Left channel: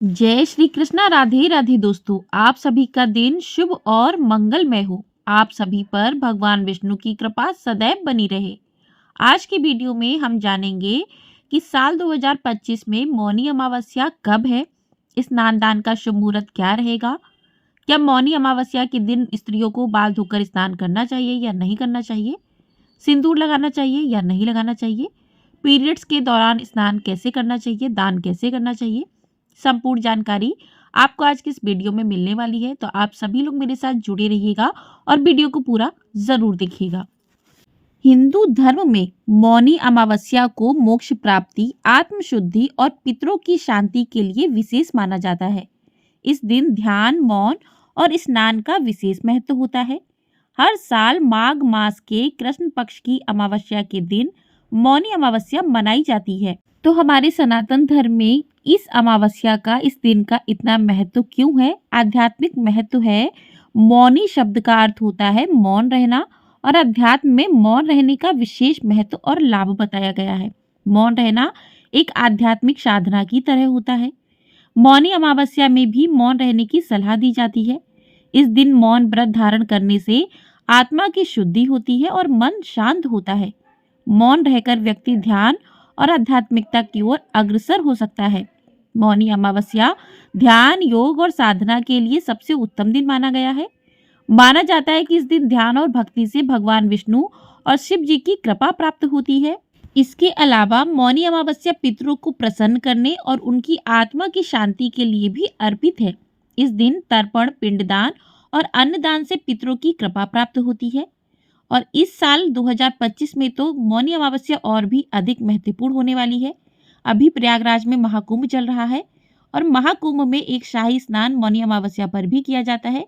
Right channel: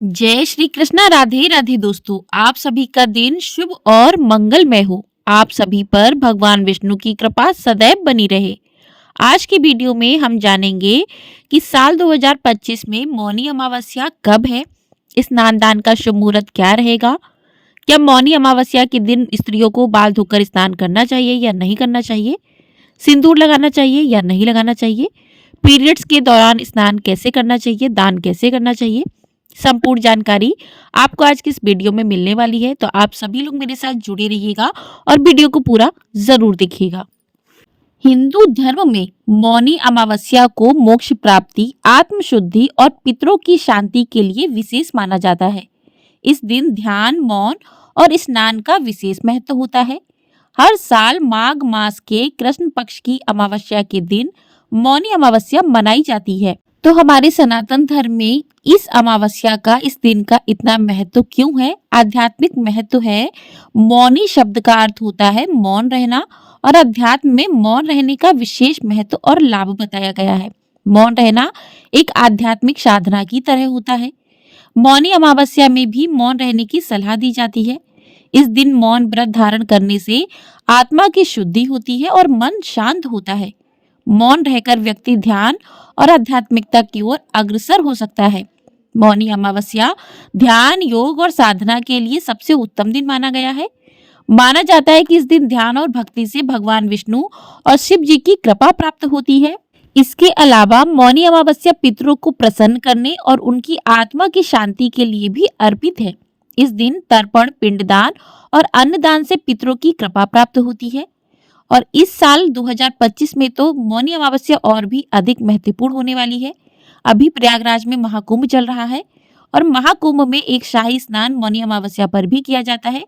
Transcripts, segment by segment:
जय श्री कृष्णा। राधे राधे दोस्तों, आप सभी का दिन शुभ और मंगलमय हो। आप सभी पर भगवान विष्णु की कृपा सदैव बनी रहे। आज की वीडियो में हम जानेंगे कि साल 2025 में मौनी अमावस्या कब है, स्नान दान का शुभ मुहूर्त क्या रहेगा, क्या मौनी अमावस्या के दिन स्त्रियों को बाल धोकर स्नान करना चाहिए या नहीं करना चाहिए, सिंदूर लगाना चाहिए या नहीं लगाना चाहिए, पीरियड्स के दौरान स्नान कैसे करना चाहिए, दान कैसे करना चाहिए। संपूर्ण जानकारी आपको आज की इस वीडियो में मिलने वाली है, तो आप सभी लोग मेरे साथ जुड़े रहिएगा और वीडियो को पूरा जरूर देखिएगा। हिंदू धर्म में मौनी अमावस्या को मोक्ष प्राप्ति, आत्मशुद्धि और पितरों की शांति के लिए विशेष माना जाता है। इस दिन ध्यान, मौन और स्नान का विशेष महत्व होता है। हर साल माघ मास के कृष्ण पक्ष की अमावस्या के दिन मौनी अमावस्या मनाई जाती है। तो हमारे सनातन धर्म में इस अमावस्या का, इस दिन का इतना महत्व क्यों है? आध्यात्मिक महत्व है। मौनी शब्द का अर्थ होता है मौन रहना, और अध्यात्म में मौन रहने का विशेष महत्व और लाभ बताया गया है। मौन रहना एक आध्यात्मिक साधना की तरह होता है। मौनी अमावस्या में भी मौन रहने की सलाह दी जाती है। इस दिन मौन व्रत धारण करने से आत्मा की शुद्धि होती है और मन शांत होता है। मौन रहकर व्यक्ति ध्यान और आध्यात्मिकता की ओर अग्रसर हो सकता है। मौनी अमावस्या ध्यान, योग और साधना के लिए सबसे उत्तम दिन माना गया है। माना जाता है कि इस दिन ध्यान और भक्ति से भगवान विष्णु और शिव जी की कृपा प्राप्त होती है। इसके अलावा मौनी अमावस्या पितरों को प्रसन्न करने और उनकी आत्मा की शांति के लिए भी अर्पित है। इस दिन तर्पण, पिंडदान और अन्नदान से पितरों की कृपा प्राप्त होती है। और इस साल 2025 में तो मौनी अमावस्या और भी अधिक महत्वपूर्ण होने वाली है। अभी प्रयागराज में महाकुंभ चल रहा है और महाकुंभ में एक शाही स्नान मौनी अमावस्या पर भी किया जाता है,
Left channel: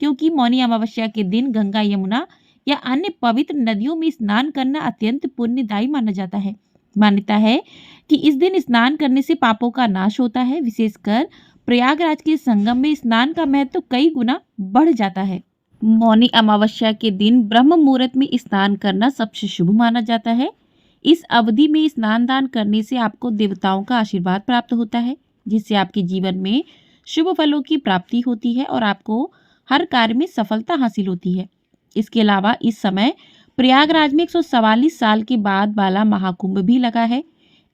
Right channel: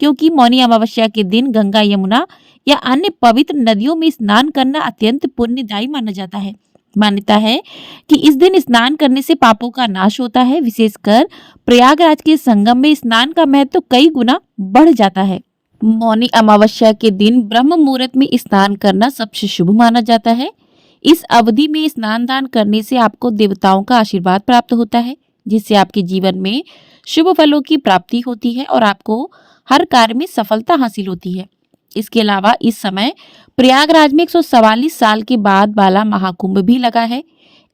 क्योंकि मौनी अमावस्या के दिन गंगा, यमुना या अन्य पवित्र नदियों में स्नान करना अत्यंत पुण्यदायी माना जाता है। मान्यता है कि इस दिन स्नान करने से पापों का नाश होता है। विशेषकर प्रयागराज के संगम में स्नान का महत्व कई गुना बढ़ जाता है। मौनी अमावस्या के दिन ब्रह्म मुहूर्त में स्नान करना सबसे शुभ माना जाता है। इस अवधि में स्नान दान करने से आपको देवताओं का आशीर्वाद प्राप्त होता है, जिससे आपके जीवन में शुभ फलों की प्राप्ति होती है और आपको हर कार्य में सफलता हासिल होती है। इसके अलावा इस समय प्रयागराज में 144 साल के बाद वाला महाकुंभ भी लगा है।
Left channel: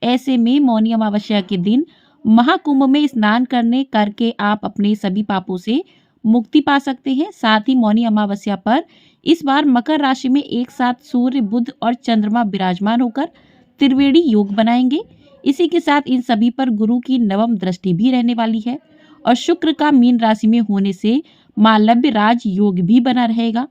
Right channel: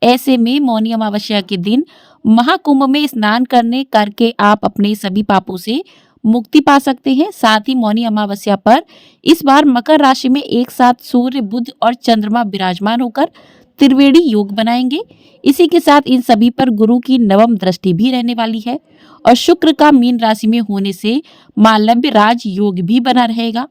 ऐसे में मौनी अमावस्या के दिन महाकुंभ में स्नान करने करके आप अपने सभी पापों से मुक्ति पा सकते हैं। साथ ही मौनी अमावस्या पर इस बार मकर राशि में एक साथ सूर्य, बुध और चंद्रमा विराजमान होकर त्रिवेणी योग बनाएंगे। इसी के साथ इन सभी पर गुरु की नवम दृष्टि भी रहने वाली है और शुक्र का मीन राशि में होने से मालव्य राज योग भी बना रहेगा।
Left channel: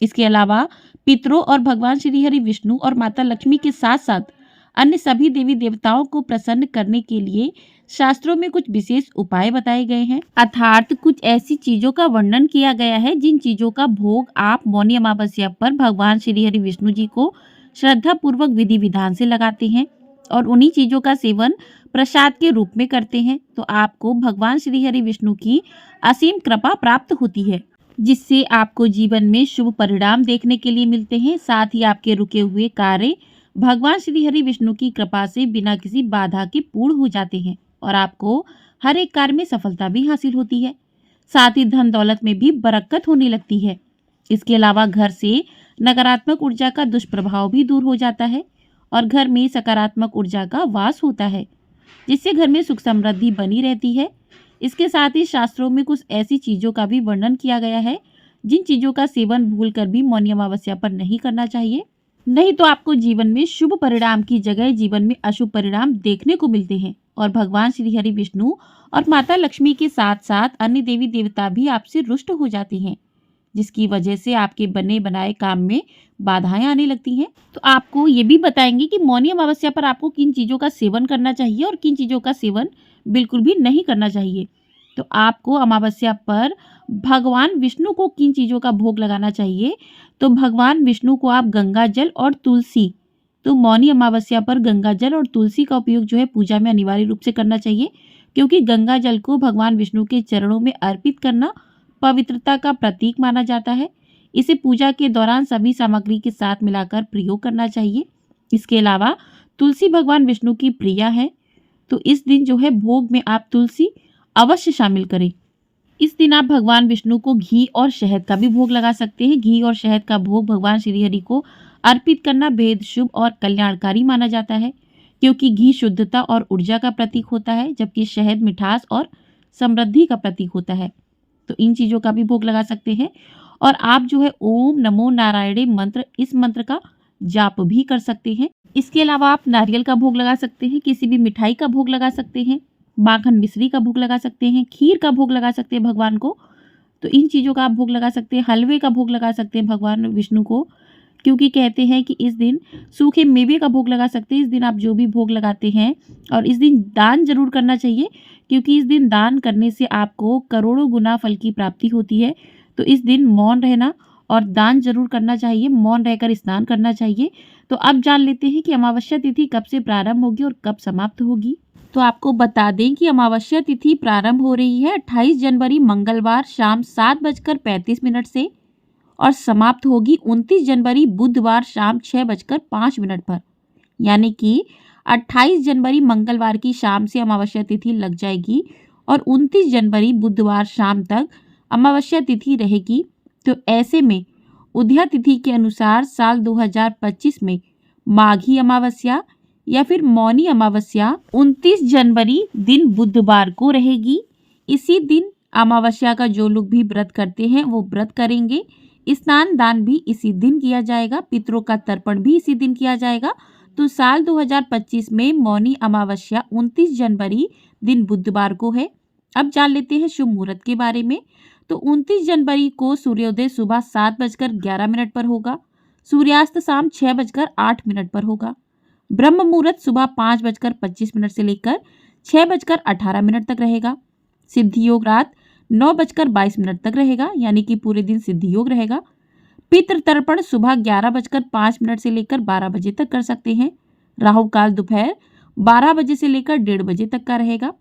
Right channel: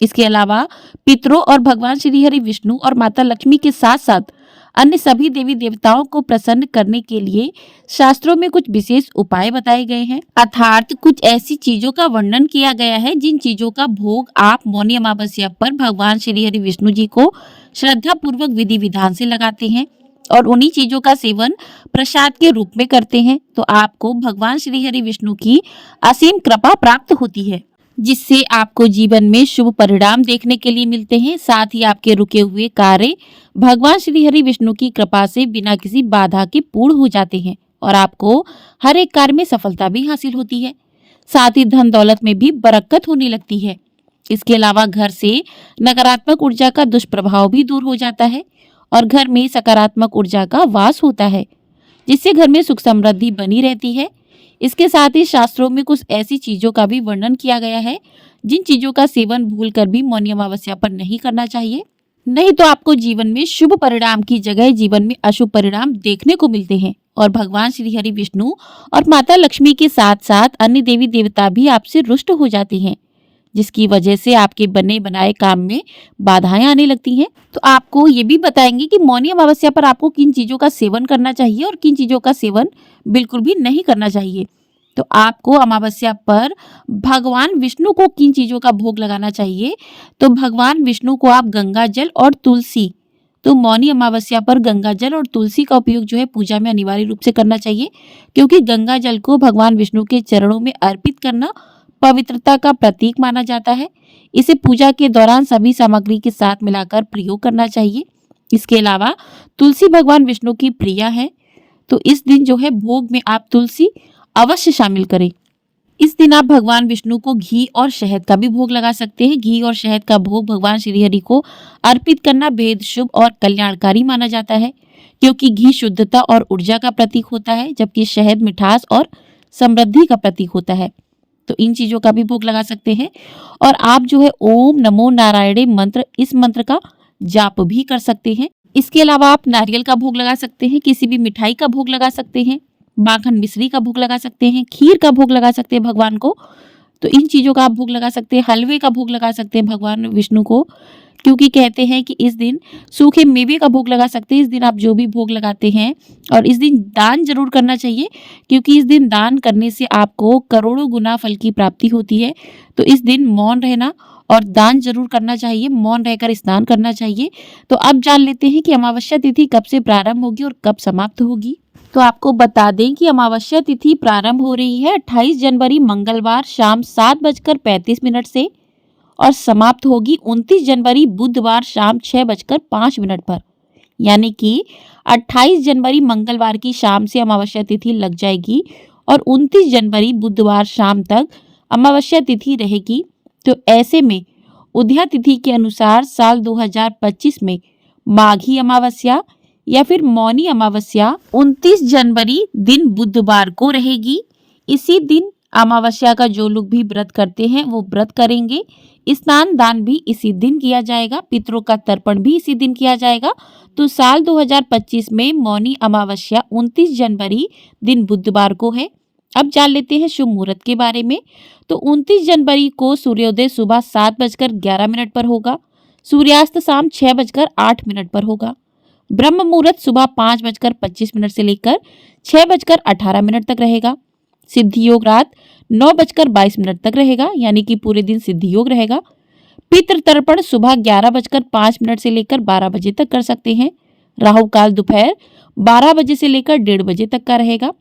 इसके अलावा पितरों और भगवान श्री हरि विष्णु और माता लक्ष्मी के साथ साथ अन्य सभी देवी देवताओं को प्रसन्न करने के लिए शास्त्रों में कुछ विशेष उपाय बताए गए हैं। अर्थात कुछ ऐसी चीजों का वर्णन किया गया है जिन चीजों का भोग आप मौनी अमावस्या पर भगवान श्री हरि विष्णु जी को श्रद्धा पूर्वक विधि विधान से लगाते हैं और उन्हीं चीजों का सेवन प्रसाद के रूप में करते हैं, तो आपको भगवान श्री हरि विष्णु की असीम कृपा प्राप्त होती है, जिससे आपको जीवन में शुभ परिणाम देखने के लिए मिलते हैं। साथ ही आपके रुके हुए कार्य भगवान श्री हरि विष्णु की कृपा से बिना किसी बाधा के पूर्ण हो जाते हैं और आपको हर एक कार्य में सफलता भी हासिल होती है। साथ ही धन दौलत में भी बरकत होने लगती है। इसके अलावा घर से नकारात्मक ऊर्जा का दुष्प्रभाव भी दूर हो जाता है और घर में सकारात्मक ऊर्जा का वास होता है, जिससे घर में सुख समृद्धि बनी रहती है। इसके साथ ही शास्त्रों में कुछ ऐसी चीजों का भी वर्णन किया गया है जिन चीजों का सेवन भूलकर भी मौनी अमावस्या पर नहीं करना चाहिए, नहीं तो आपको जीवन में शुभ परिणाम की जगह जीवन में अशुभ परिणाम देखने को मिलते हैं और भगवान श्री हरि विष्णु और माता लक्ष्मी के साथ साथ अन्य देवी देवता भी आपसे रुष्ट हो जाते हैं, जिसकी वजह से आपके बने बनाए काम में बाधाएं आने लगती हैं। तो आपको ये भी बताएंगे कि मौनी अमावस्या पर आपको किन चीजों का सेवन करना चाहिए और किन चीजों का सेवन बिल्कुल भी नहीं करना चाहिए। तो आपको अमावस्या पर भगवान विष्णु को किन चीजों का भोग लगाना चाहिए, तो भगवान विष्णु को आप गंगा जल और तुलसी, तो मौनी अमावस्या पर गंगा जल और तुलसी का उपयोग जो है पूजा में अनिवार्य रूप से करना चाहिए, क्योंकि गंगा जल को भगवान विष्णु के चरणों में अर्पित करना पवित्रता का प्रतीक माना जाता है। इसे पूजा के दौरान सभी सामग्री के साथ मिलाकर प्रयोग करना चाहिए। इसके अलावा तुलसी भगवान विष्णु की प्रिया है, तो इस दिन जो है भोग में आप तुलसी अवश्य शामिल करें। इस दिन आप भगवान विष्णु को घी और शहद का भी भोग लगा सकते हैं। घी और शहद का भोग भगवान श्री हरि को अर्पित करना बेहद शुभ और कल्याणकारी माना जाता है, क्योंकि घी शुद्धता और ऊर्जा का प्रतीक होता है, जबकि शहद मिठास और समृद्धि का प्रतीक होता है। तो इन चीजों का भी भोग लगा सकते हैं। और आप जो है ओम नमो नारायणे मंत्र, इस मंत्र का जाप भी कर सकते हैं। इसके अलावा आप नारियल का भोग लगा सकते हैं, किसी भी मिठाई का भोग लगा सकते हैं, माखन मिश्री का भोग लगा सकते हैं, खीर का भोग लगा सकते हैं भगवान को। तो इन चीजों का आप भोग लगा सकते हैं। हलवे का भोग लगा सकते हैं भगवान विष्णु को, क्योंकि कहते हैं कि इस दिन सूखे मेवे का भोग लगा सकते हैं। इस दिन आप जो भी भोग लगाते हैं, और इस दिन दान जरूर करना चाहिए, क्योंकि इस दिन दान करने से आपको करोड़ों गुना फल की प्राप्ति होती है। तो इस दिन मौन रहना और दान जरूर करना चाहिए, मौन रहकर स्नान करना चाहिए। तो अब जान लेते हैं कि अमावस्या तिथि कब से प्रारंभ होगी और कब समाप्त होगी। तो आपको बता दें कि अमावस्या तिथि प्रारंभ हो रही है 28 जनवरी मंगलवार शाम 7:35 से, और समाप्त होगी 29 जनवरी बुधवार शाम 6:05 पर। यानी कि 28 जनवरी मंगलवार की शाम से अमावस्या तिथि लग जाएगी और 29 जनवरी बुधवार शाम तक अमावस्या तिथि रहेगी। तो ऐसे में उदया तिथि के अनुसार साल 2025 में माघी अमावस्या या फिर मौनी अमावस्या 29 जनवरी दिन बुधवार को रहेगी। इसी दिन अमावस्या का जो लोग भी व्रत करते हैं वो व्रत करेंगे। स्नान दान भी इसी दिन किया जाएगा, पितरों का तर्पण भी इसी दिन किया जाएगा। तो साल 2025 में मौनी अमावस्या 29 जनवरी दिन बुधवार को है। अब जान लेते हैं शुभ मुहूर्त के बारे में। तो 29 जनवरी को सूर्योदय सुबह 7:11 पर होगा, सूर्यास्त शाम 6:08 पर होगा। ब्रह्म मुहूर्त सुबह 5:25 से लेकर 6:18 तक रहेगा। सिद्धि योग रात 9:22 तक रहेगा, यानी कि पूरे दिन सिद्धि योग रहेगा। पितृ तर्पण सुबह 11:05 से लेकर 12 बजे तक कर सकते हैं। राहु काल दोपहर 12 बजे से लेकर 1:30 बजे तक का रहेगा।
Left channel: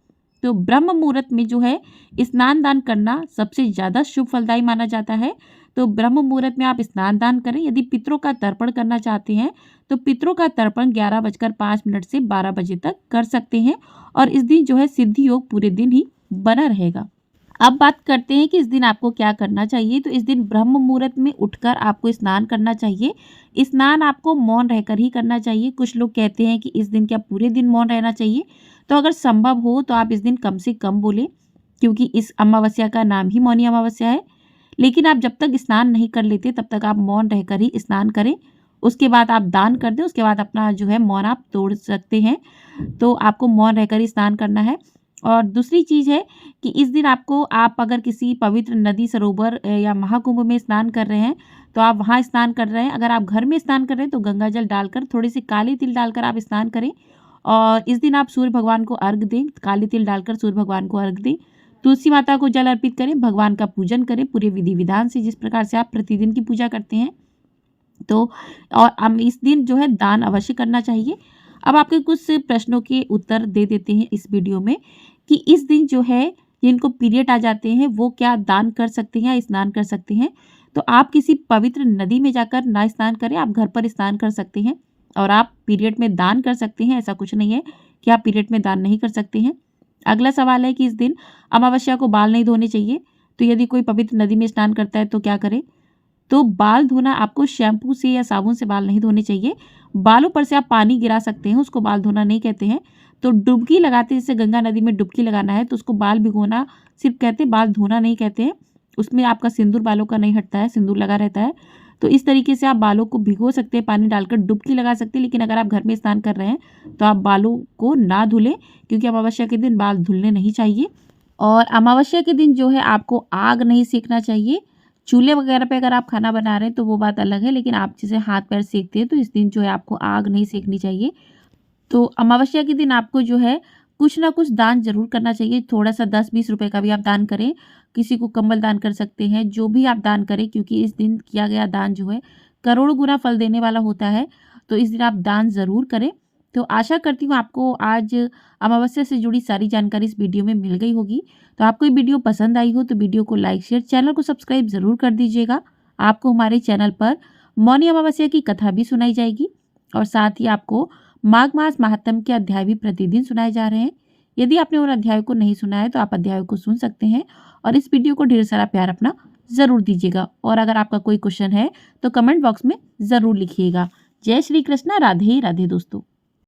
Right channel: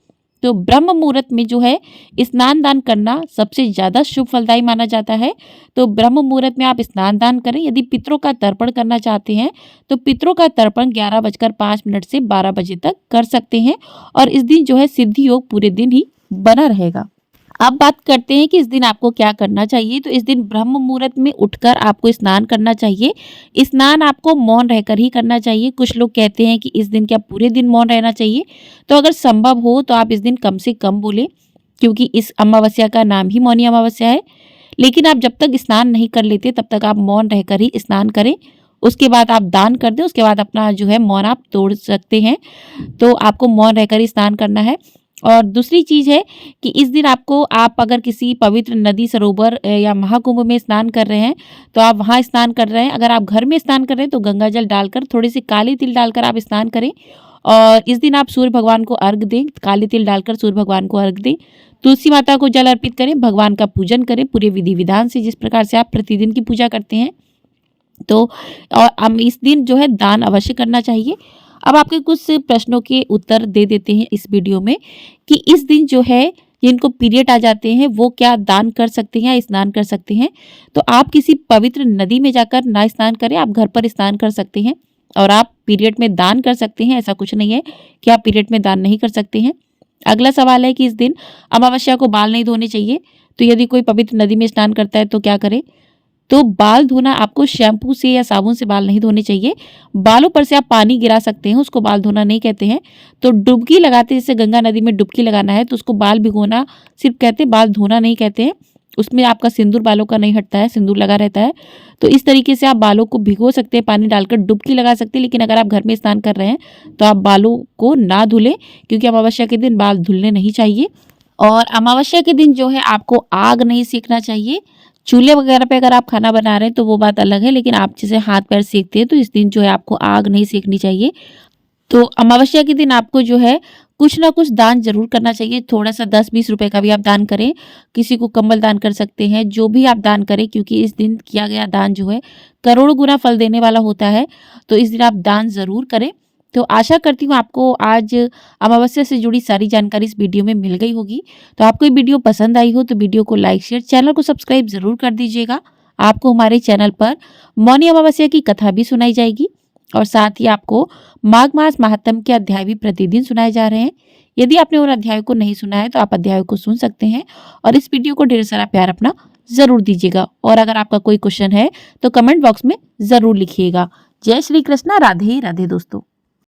तो ब्रह्म मुहूर्त में जो है स्नान दान करना सबसे ज्यादा शुभ फलदायी माना जाता है। तो ब्रह्म मुहूर्त में आप स्नान दान करें। यदि पितरों का तर्पण करना चाहते हैं तो पितरों का तर्पण 11:05 से 12 बजे तक कर सकते हैं, और इस दिन जो है सिद्धि योग पूरे दिन ही बना रहेगा। अब बात करते हैं कि इस दिन आपको क्या करना चाहिए। तो इस दिन ब्रह्म मुहूर्त में उठकर आपको स्नान करना चाहिए। स्नान आपको मौन रहकर ही करना चाहिए। कुछ लोग कहते हैं कि इस दिन क्या पूरे दिन मौन रहना चाहिए। तो अगर संभव हो तो आप इस दिन कम से कम बोले, क्योंकि इस अमावस्या का नाम ही मौनी अमावस्या है। लेकिन आप जब तक स्नान नहीं कर लेते तब तक आप मौन रहकर ही स्नान करें। उसके बाद आप दान कर दें, उसके बाद अपना जो है मौन आप तोड़ सकते हैं। तो आपको मौन रहकर ही स्नान करना है। और दूसरी चीज है कि इस दिन आपको, आप अगर किसी पवित्र नदी, सरोवर या महाकुंभ में स्नान कर रहे हैं तो आप वहां स्नान कर रहे हैं। अगर आप घर में स्नान कर रहे हैं तो गंगा जल डालकर, थोड़े से काले तिल डालकर आप स्नान करें। और इस दिन आप सूर्य भगवान को अर्घ दें, काले तिल डालकर सूर्य भगवान को अर्घ दें। तुलसी माता को जल अर्पित करें, भगवान का पूजन करें पूरे विधि विधान से, जिस प्रकार से आप प्रतिदिन की पूजा करते हैं। तो और हम इस दिन जो है दान अवश्य करना चाहिए। अब आपके कुछ प्रश्नों के उत्तर दे देते हैं इस वीडियो में, कि इस दिन जो है जिनको पीरियड आ जाते हैं वो क्या दान कर सकते हैं या स्नान कर सकते हैं। तो आप किसी पवित्र नदी में जाकर ना स्नान करें, आप घर पर स्नान कर सकते हैं। और आप पीरियड में दान कर सकते हैं, ऐसा कुछ नहीं है कि आप पीरियड में दान नहीं कर सकते हैं। अगला सवाल है कि इस दिन अमावस्या को बाल नहीं धोने चाहिए। तो यदि कोई पवित्र नदी में स्नान करता है तो क्या करे। तो बाल धोना, आपको शैम्पू से या साबुन से बाल नहीं धोने चाहिए। बालों पर से आप पानी गिरा सकते हैं, उसको बाल धोना नहीं कहते हैं। तो डुबकी लगाते, जैसे गंगा नदी में डुबकी लगाना है तो उसको बाल भिगोना सिर्फ कहते हैं, बाल धोना नहीं कहते हैं। उसमें आपका सिंदूर बालों का नहीं हटता है, सिंदूर लगा रहता है। तो इस तरीके से आप बालों को भिगो सकते हैं, पानी डालकर डुबकी लगा सकते हैं। लेकिन अगर आप घर में स्नान कर रहे हैं तो आप बालों को ना धुलें, क्योंकि अमावस्या के दिन बाल धुलने नहीं चाहिए। और अमावस्या के दिन जो है आपको आग नहीं सेकना चाहिए। चूल्हे वगैरह पे अगर आप खाना बना रहे हैं तो वो बात अलग है, लेकिन आप जैसे हाथ पैर सेकते हैं तो इस दिन जो है आपको आग नहीं सेकनी चाहिए। तो अमावस्या के दिन आपको जो है कुछ ना कुछ दान जरूर करना चाहिए। थोड़ा सा 10-20 रुपए का भी आप दान करें, किसी को कंबल दान कर सकते हैं, जो भी आप दान करें, क्योंकि इस दिन किया गया दान जो है करोड़ों गुना फल देने वाला होता है। तो इस दिन आप दान जरूर करें। तो आशा करती हूँ आपको आज अमावस्या से जुड़ी सारी जानकारी इस वीडियो में मिल गई होगी। तो आपको ये वीडियो पसंद आई हो तो वीडियो को लाइक, शेयर, चैनल को सब्सक्राइब जरूर कर दीजिएगा। आपको हमारे चैनल पर मौनी अमावस्या की कथा भी सुनाई जाएगी, और साथ ही आपको माघ मास महात्म के अध्याय भी प्रतिदिन सुनाए जा रहे हैं। यदि आपने उन अध्यायों को नहीं सुना है तो आप अध्यायों को सुन सकते हैं और इस वीडियो को ढेर सारा प्यार अपना जरूर दीजिएगा। और अगर आपका कोई क्वेश्चन है तो कमेंट बॉक्स में जरूर लिखिएगा। जय श्री कृष्णा। राधे राधे दोस्तों।